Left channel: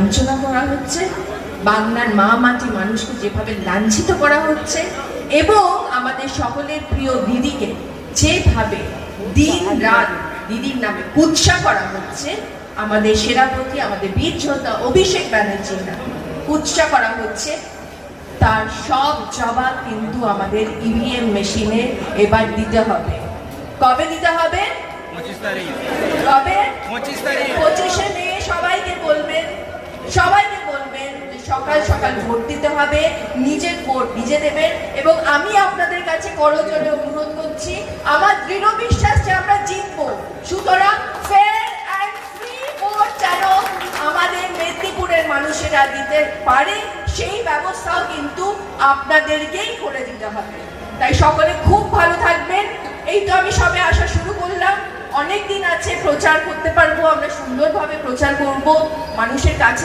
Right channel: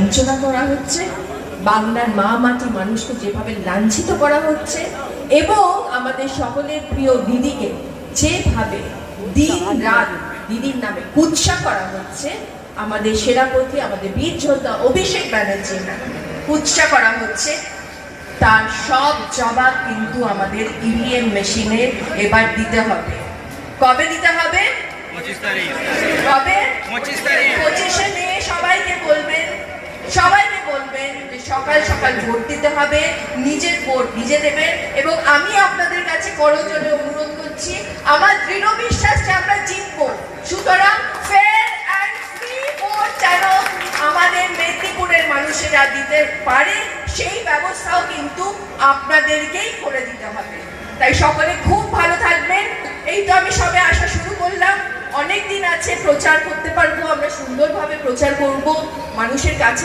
লাঞ্ছনা করা হচ্ছে, বাংলার মা মাটি মানুষকে যেভাবে লাঞ্ছিত করা হচ্ছে এবং আমাদের সকলের প্রিয় দিদিকে যেভাবে দিন রাত দিদির নামে কুৎসা করা হচ্ছে, আমাদের সেনাপতি আমাদের বীর যোদ্ধা অভিষেক ব্যানার্জির নামে কুৎসা করা হচ্ছে, তার সব জবাব কিন্তু আমাদের ইভিএম মেশিনে এবার দিতে হবে। কবে দিতে হবে? 25 তারিখ। কবে? 25 তারিখ। 25-এ নিয়ে সবাইকে বলবেন যে সকাল সকাল ভোট দিতে হবে, নিজের ভোট নিজে দেবেন। এবং আমি আপনাদের কাছে করজোড়ে অনুরোধ করছি, আমার দৃঢ় বিশ্বাস যে আমরা জিতবো। সুতরাং ফেয়ার অ্যান্ড ফ্রি ভোট যেন আমাদের মেদিনীপুরের মানুষেরা দিতে পারে, সেই ব্যবস্থাও কিন্তু আপনাদেরকেই করে দিতে হবে। তাই সকলে খুব ভালো থাকবেন। এই তো আমি সবে আসা শুরু করলাম, অনেক দিন আছে, প্রচার করতে পারবো, আমরা সুন্দরভাবে প্রচার করব মানুষের কাছে।